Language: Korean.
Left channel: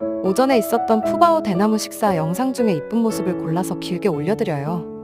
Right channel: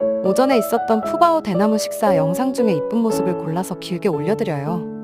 오전에 있었던 푸바오 대나무 식사 영상 중에 이쁜 모습을 골라서 길게 올려드려요.